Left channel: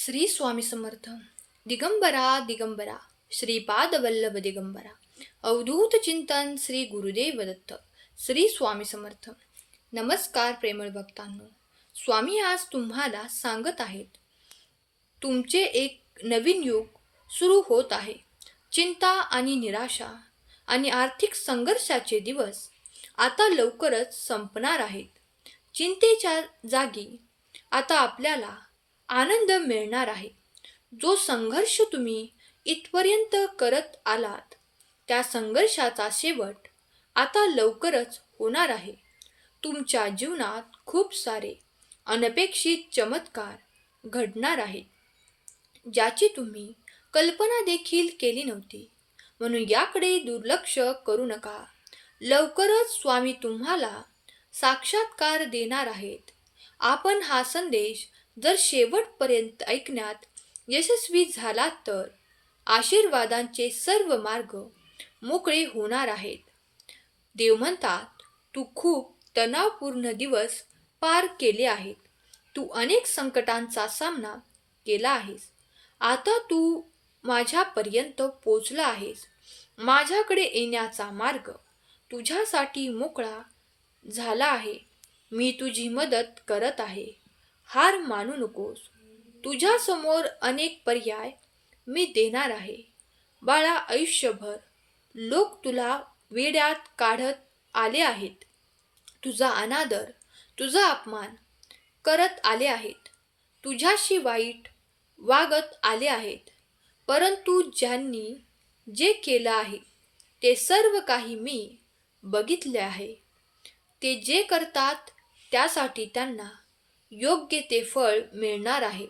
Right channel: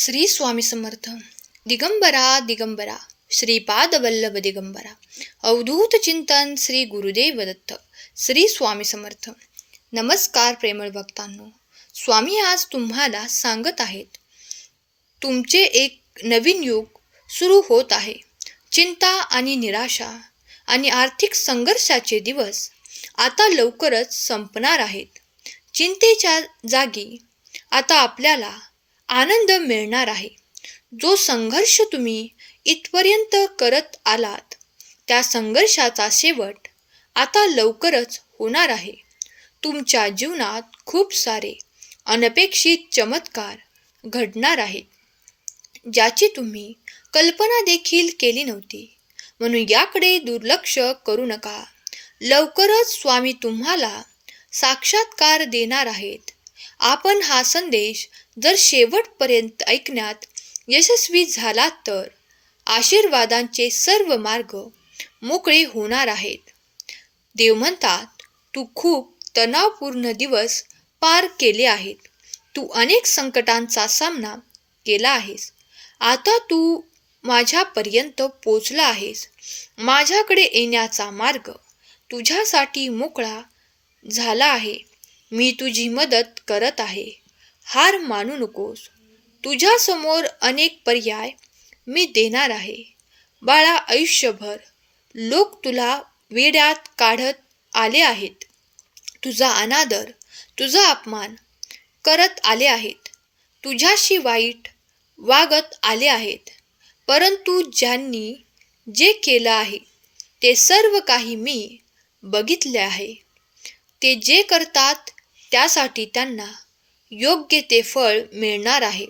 श्री स्वामी समर्थ. दिगंबरा दिगंबरा. श्रीपाद वल्लभ दिगंबरा. अवधूत चिंतन श्री गुरुदेव दत्त. श्री स्वामी समर्थ. नमस्कार प्रेमळ भक्तांनो. स्वामी आज तुम्हाला सांगत आहेत तुमचे एक नवीन युग सुरू होत आहे. चिंता आणि निराशा आणि आर्थिक संघर्षाचे दिवस आता लवकरच संपणार आहेत. चिंतेच्या जागी आता आपल्याला आनंद मिळणार आहे. जो संघर्ष तुम्ही इथपर्यंत करत आलात त्या संघर्षाचा शेवट आता लवकरच होणार आहे. तुमच्या जीवनात खूप सारे अनपेक्षित चमत्कार घडणार आहेत. ज्याची तुम्ही कल्पना देखील केली नव्हती. म्हणून याकडे दुर्लक्ष करू नका. लवकरच स्वामी तुम्हाला साक्षात्कार देणार आहेत. आपण हा संदेश जर शेवटपर्यंत ऐकण्यात यशस्वी झालात तर आशीर्वादांचे सर्व मार्ग मोकळे होणार आहेत. देव म्हणतात तू खूप तणावपूर्ण दिवस पार केले आहेत. तू अनेक संकटांचा सामना केला आहेस. आता तू माझ्यापर्यंत पोचला आहेस. माझ्याकडे येण्याचा मार्ग तुझ्यासाठी मोकळा झाला आहे. मी तुझी मदत करत आहे. हार मानू नकोस. तुझ्यासमोर अनेक पर्याय मी देणार आहे. बाळा आयुष्यभर लोक तुला वेड्यात काढत आले आहेत. तुझा अनादर तुझा अपमान करत आले आहेत. तुझ्याशी वाईट वागत आले आहेत. परंतु ज्यांनी जे केलं आहे ते सर्व काही मी बघितले आहे. ते जे करतात त्यासाठी त्यांना योग्य ते फळ मिळणार आहे.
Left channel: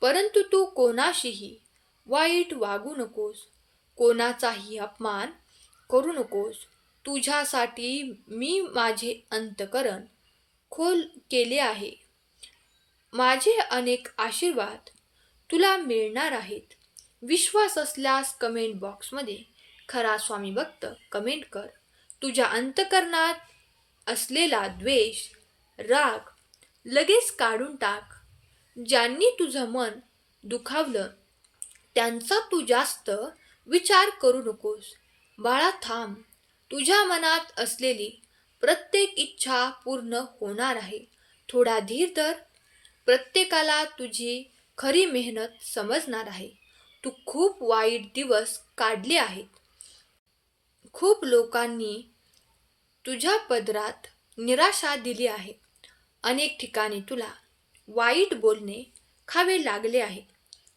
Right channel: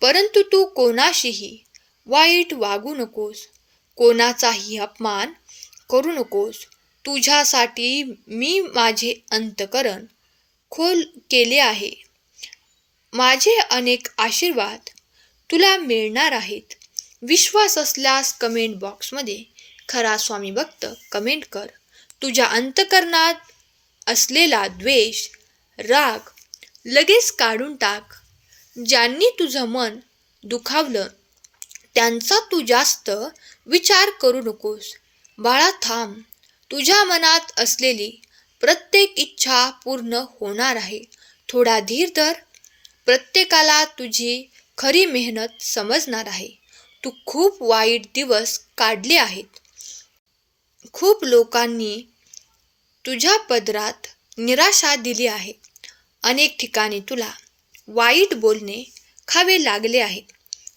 परंतु तू कोणाशीही वाईट वागू नकोस. कोणाचाही अपमान करू नकोस. तुझ्यासाठी मी माझे अंतकरण खोल केले आहे. माझे अनेक आशीर्वाद तुला मिळणार आहेत. विश्वास असल्यास कमेंट बॉक्समध्ये खरा स्वामी भक्त कमेंट कर. तुझ्या अंतकरणात असलेला द्वेष राग लगेच काढून टाक. ज्यांनी तुझं मन दुखावलं त्यांचा तू जास्त विचार करू नकोस. बाळा थांब. तुझ्या मनात असलेली प्रत्येक इच्छा पूर्ण होणार आहे. थोडा धीर धर. प्रत्येकाला तुझी खरी मेहनत समजणार आहे. तू खूप वाईट दिवस काढले आहेत. खूप लोकांनी तुझ्या पदरात निराशा दिली आहे. अनेक ठिकाणी तुला वाईट बोलणे खावे लागले आहेत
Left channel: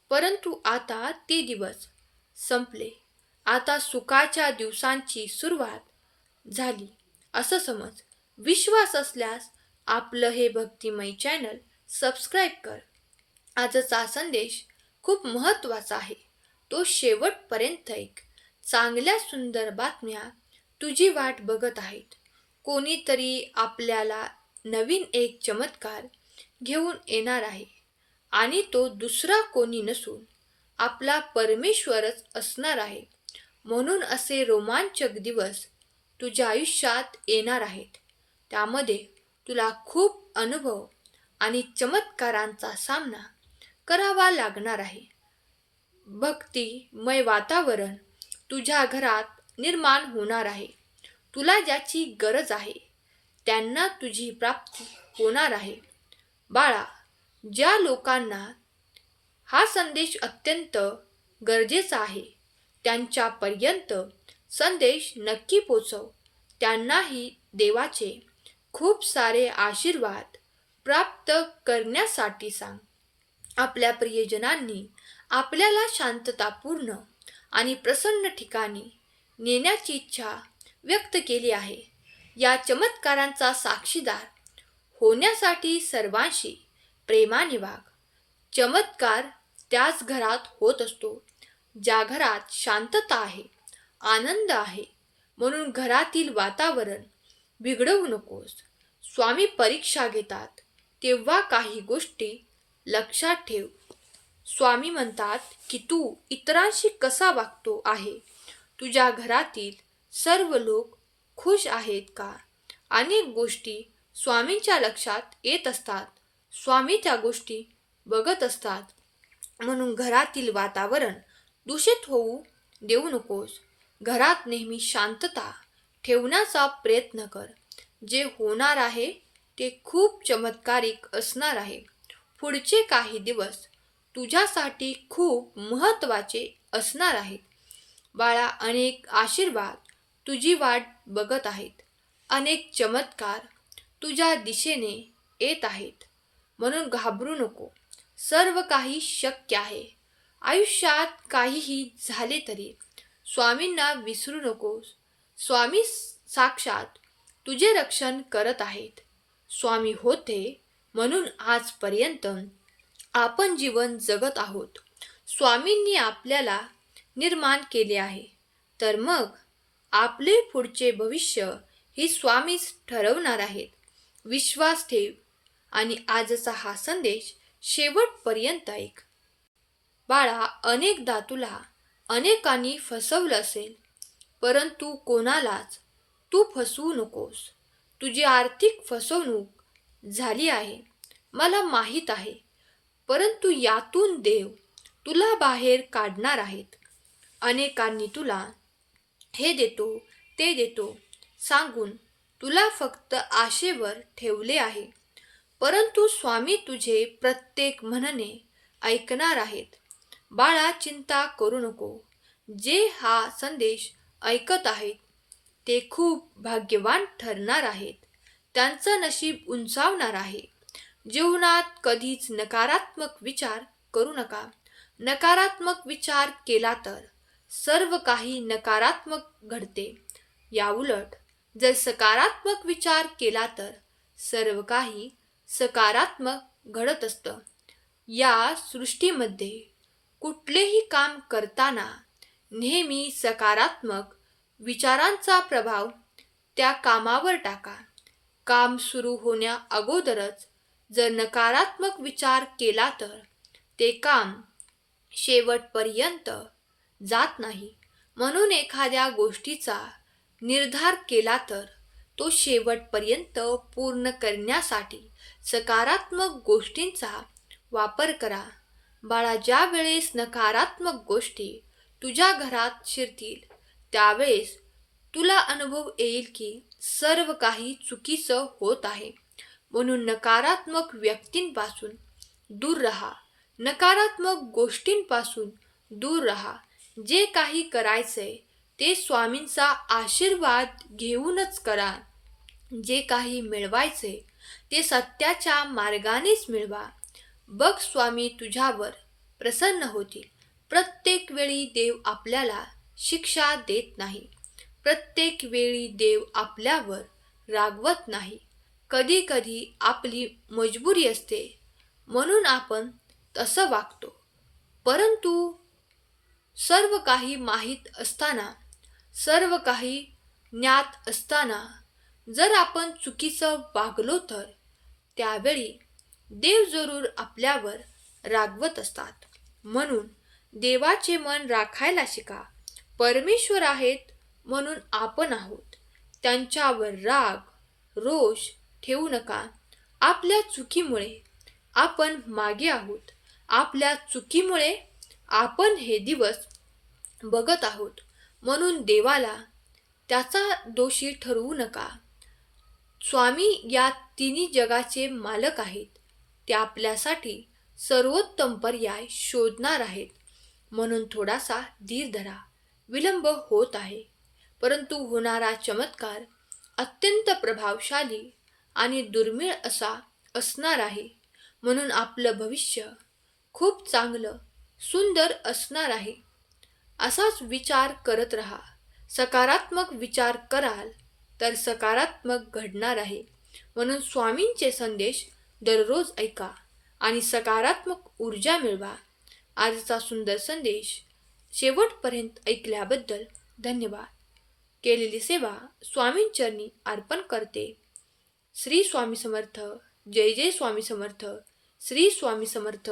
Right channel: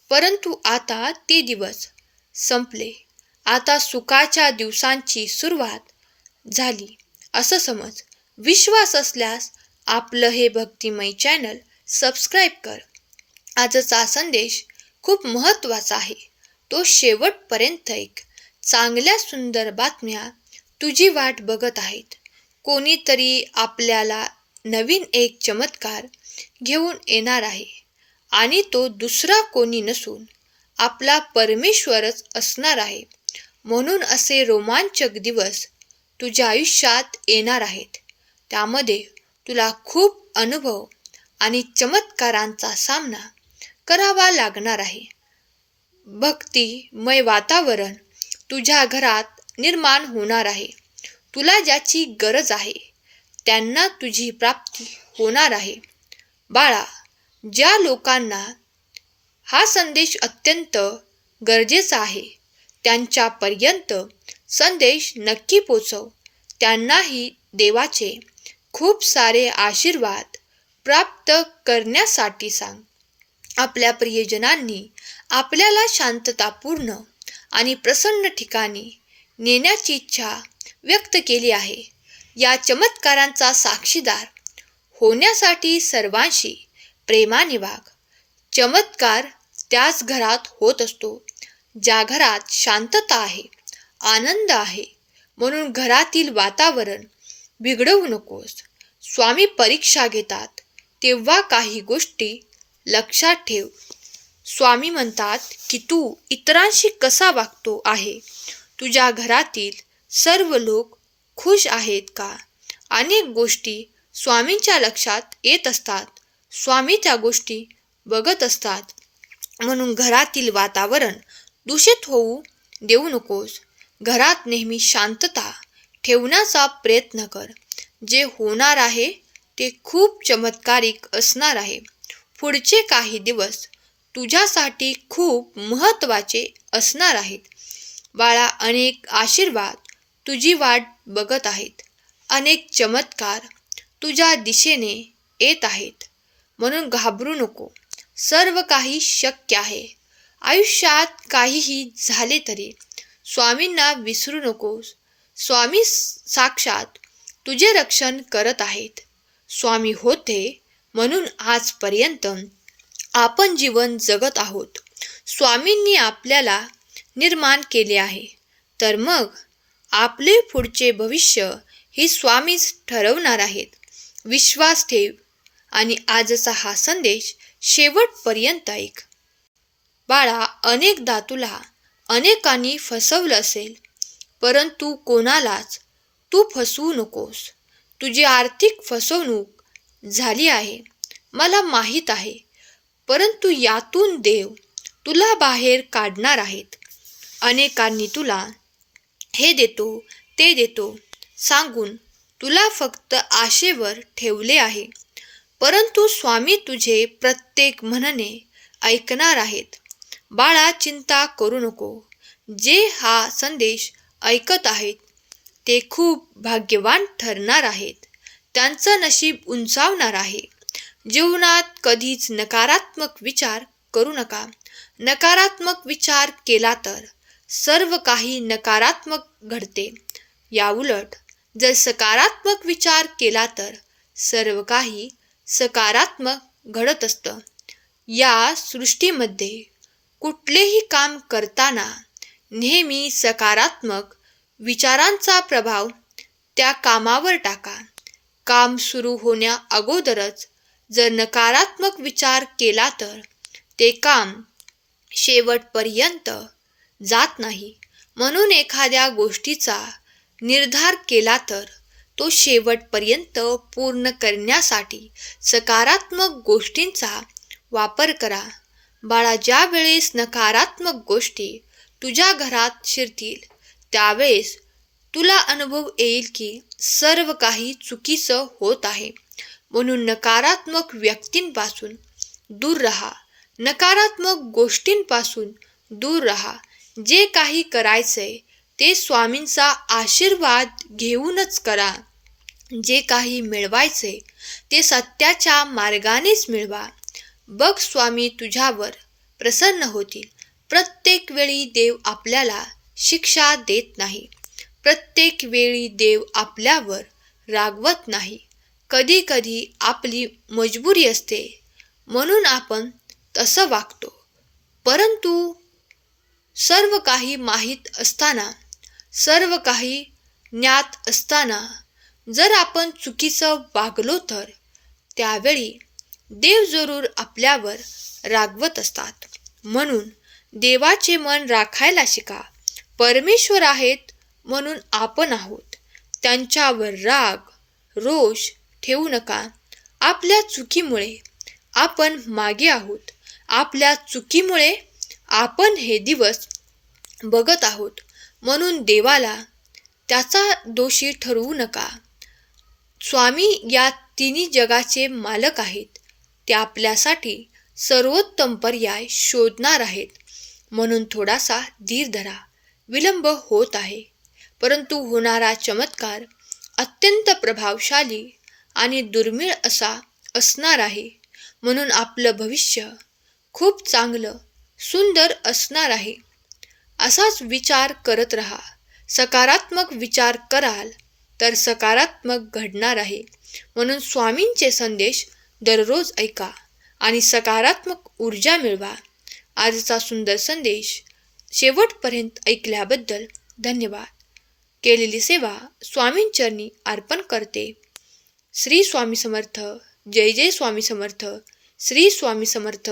परंतु आता ते दिवस संपले. आता सुखाच्या दिवसांची सुरुवात झाली. असं समज. विश्वास असल्यास आपलं हे भक्तिमय चॅनल सबस्क्राईब कर. आजचा संदेश खूप महत्त्वाचा आहे. तो शेवटपर्यंत ऐक. चांगल्या सुंदर बातम्या तुझी वाट बघत आहेत. कोणीतरी आपल्याला नवीन एक चमत्कार घेऊन येणार आहे. आणि तो दुसरा कोणी नसून आपला परमेश्वरच असणार आहे. म्हणून असे रोमांचक दिवस तुझ्या आयुष्यात येणार आहेत. त्यामध्ये तुला खूप अनुभव आणि चमत्कारांचा सामना करावा लागणार आहे. भक्तिमय वातावरण तुझ्या घरात निर्माण होणार आहे. तुला ज्याची गरज आहे त्यांना तुझी प्राप्ती होणार आहे. बाळा ज्या लोकांना हा संदेश अत्यंत गरजेचा आहे त्यांच्यापर्यंत संदेश नक्की पोचव. त्यांनाही देवाचे खूप सारे आशीर्वाद प्राप्त करण्यासाठी सांग. आपल्या प्रियजनांनी आपल्याला शांततापूर्ण आणि प्रसन्न ठिकाणी नेण्याची इच्छा व्यक्त केली आहे. या चमत्कारांचा साक्षीदार होण्यासाठी सर्वांशी प्रेमाने वाग चमत्कार त्याच घरात होत असतो. ज्या घरात शांतता आहे आनंद आहे म्हणून घरातील वातावरण बिघडवू नकोस. स्वामी परीक्षा घेतात तेव्हा काही गोष्टी लक्षात ठेव. स्वामी म्हणतात की तू इतरांशी कसा वागतो आहे? तुझ्या घरातील सर्व लोक खुश आहेत का? अनेक गोष्टी स्वामींच्या लक्षात येत असतात. स्वामी त्या गोष्टी बघत असतात. म्हणून घरातील वातावरण दूषित होऊ देऊ नकोस. घरात नेहमी शांतता ठेवण्याचा प्रयत्न कर. जे होणार आहे ते खूप चमत्कारिक असणार आहे. पुढचे काही दिवस तुझ्यासाठी खूप महत्त्वाचे असणार आहेत. बाळा अनेक आशीर्वाद तुझी वाट बघत आहेत. अनेक चमत्कार तुझ्या दिशेने येत आहेत. म्हणून घाबरू नको. सर्व काही शक्य आहे. आयुष्यात काहीही झाले तरी स्वामींना विसरू नकोस स्वामी साक्षात तुझे रक्षण करत आहेत. स्वामी होते म्हणून आजपर्यंत आपण जीवन जगत आहोत. स्वामींनी आपल्याला निर्माण केले आहे. तर मग आपले पुढचे भविष्य ही स्वामीच ठरवणार आहेत. विश्वास ठेव आणि आजचा हा संदेश शेवटपर्यंत ऐक. बाळा अनेकदा तुला अनेकांनी फसवलं असेल परंतु कोणालाच तू फसवू नकोस. तुझी आर्थिक फसवणूक झाली आहे मला माहीत आहे परंतु यातून देव तुला बाहेर काढणार आहेत. अनेकांनी तुला हे देतो ते देतो. सांगून तुला फक्त आशेवर ठेवले आहे. परंतु स्वामी तुझे प्रत्येक म्हणणे ऐकणार आहेत. बाळा चिंता करू नको. जे हा संदेश ऐकत आहेत ते खूप भाग्यवान ठरणार आहेत. त्यांचं नशीब उंचावणार आहे. जीवनात कधीच नकारात्मक विचार करू नका. नकारात्मक विचार केला तर सर्व काही नकारात्मक घडते. याउलट जर सकारात्मक विचार केला तर सर्व काही सकारात्मक घडत असतं. या सृष्टीमध्ये कुठलेही काम करताना नेहमी सकारात्मक विचारांचा प्रभाव त्या कामावर टाका. काम सुरू होण्या अगोदरच जर नकारात्मक विचार केला तर ते काम शेवटपर्यंत जात नाही. म्हणून एखाद्या गोष्टीचा निर्धार केला तर तो शेवटपर्यंत पूर्ण करण्यासाठी सकारात्मक गोष्टींचा वापर करा. बाळा ज्या वेळेस नकारात्मक गोष्टी तुझ्या घरात शिरतील त्यावेळेस तुला अनुभव येईल की सर्व काही चुकीचं होत आहे. म्हणून नकारात्मक व्यक्तींपासून दूर राहा. नकारात्मक गोष्टींपासून दूर राहा. जे काही करायचंय ते स्वामींचा आशीर्वाद घेऊनच करा. जे काही मिळवायचे ते सत्याच्या मार्गानेच मिळवा. बघ स्वामी तुझ्यावर प्रसन्न होतील. प्रत्येक वेळी देव आपल्याला शिक्षा देत नाही. प्रत्येक वेळी देव आपल्यावर रागवत नाही. कधी कधी आपली मजबुरी असते. म्हणून आपण तसं वागतो. परंतु सर्व काही माहीत असताना सर्व काही ज्ञात असताना जर आपण चुकीचं वागलो तर त्यावेळी देव जरूर आपल्यावर रागवत असतात. म्हणून देवाचे मन राखायला शिका. परमेश्वर आहेत म्हणून आपण आहोत. त्यांच्यावर राग रोष ठेवू नका. आपल्या चुकीमुळे आपण मागे आहोत. आपल्या चुकीमुळे आपण हे दिवस बघत आहोत. म्हणून देवाला त्याचा दोषी ठरवू नका. स्वामी या तिन्ही जगाचे मालक आहेत. ते आपल्यासाठी सर्वोत्तम पर्याय शोधणार आहेत. म्हणून थोडासा धीर धरा. विलंब होत आहे. परंतु होणारा चमत्कार अत्यंत प्रभावशाली आणि दुर्मिळ असा असणार आहे. म्हणून आपलं भविष्य खूप चांगलं सुंदर असणार आहे. असाच विचार करत राहा. सकारात्मक विचार कराल तर सकारात्मक घडणार आहे. म्हणून स्वामींचे संदेश दररोज ऐका आणि सकारात्मक ऊर्जा मिळवा. आजचा सुंदर संदेश शेवटपर्यंत ऐकल्याबद्दल धन्यवाद. केलेली सेवा स्वामींचरणी अर्पण करते. श्री स्वामी समर्थ. जय जय स्वामी समर्थ. श्री स्वामी समर्थ.